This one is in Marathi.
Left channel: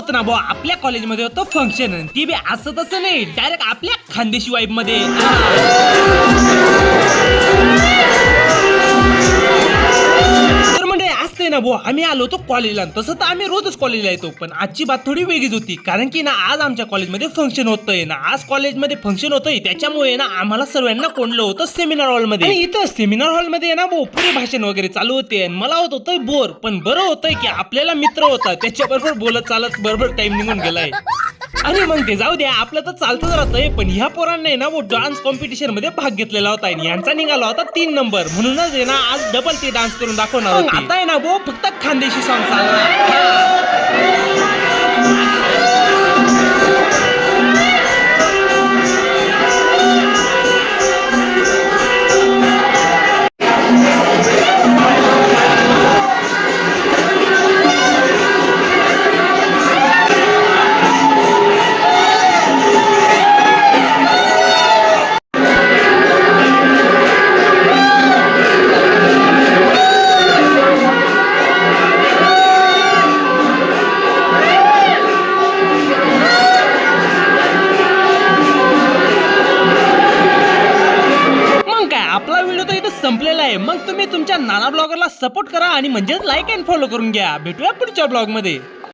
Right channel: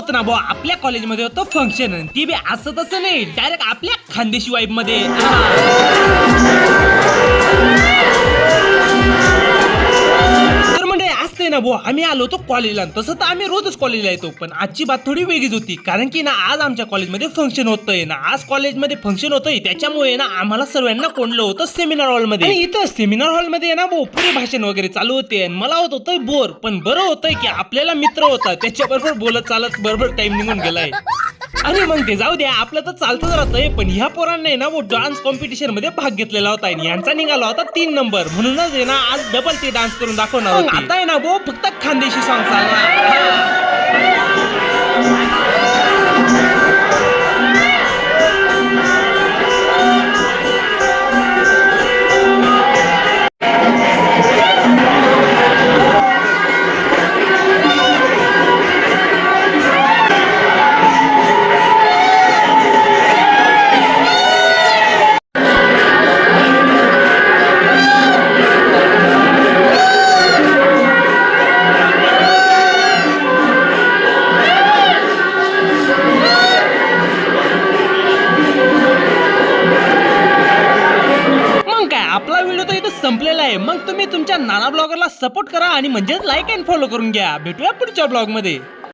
होतं ना भाऊ, आपल्या कॉलेजमध्ये होतं फंक्शन, ती बी असं तसं नाही, डायरेक्ट आपल्या खानदेशी वाईब मध्ये. तर म्हणजे असते ना भाऊ, आम्ही आलो होतो कॉलेजला. तसं तर आम्ही रोजच कॉलेजला येतो, पण आजची बात थोडी वेगळीच होती. कारण की ना आज आमच्या कॉलेजमध्ये फंक्शन होतंय ना, आज कॉलेजमध्ये फंक्शन होतंय, त्याच्यामुळे ना आम्हाला सर्वांना कोंडलं होतं सेमिनार हॉलमध्ये. आणि इथं सेमिनार हॉलमध्ये ना भाऊ पुरे भाषण वगैरे चालू होते. मला होतंय बोर, पण बरं होतंय की आपल्याला मित्र होता, त्याच्याबरोबर बोलत चालत बरोबर टाइम निघून गेलाय. आणि मग ते जाऊ द्या, आपलं तर चालतच राहतंय. पण ह्या पोरांनी ना वो डान्स कॉम्पिटिशन मध्ये भाग घेतलेला होता आणि यांचा निघाला होता 3 नंबर. म्हणूनच आहे ना आज डबल ते डान्स करून दाखवणार होते. आता आहे ना भाऊ फक्त खानदेशी सॉन्ग चालणार. आपला व्हिडिओ तर इथं संपलेला आहे. मग तुम्ही तुमच्या नाना ब्लॉगरला सपोर्ट करा आणि म्हणजेच लाईक अँड फॉलो करून घ्या. भेटूया पुढच्या ब्लॉग मध्ये.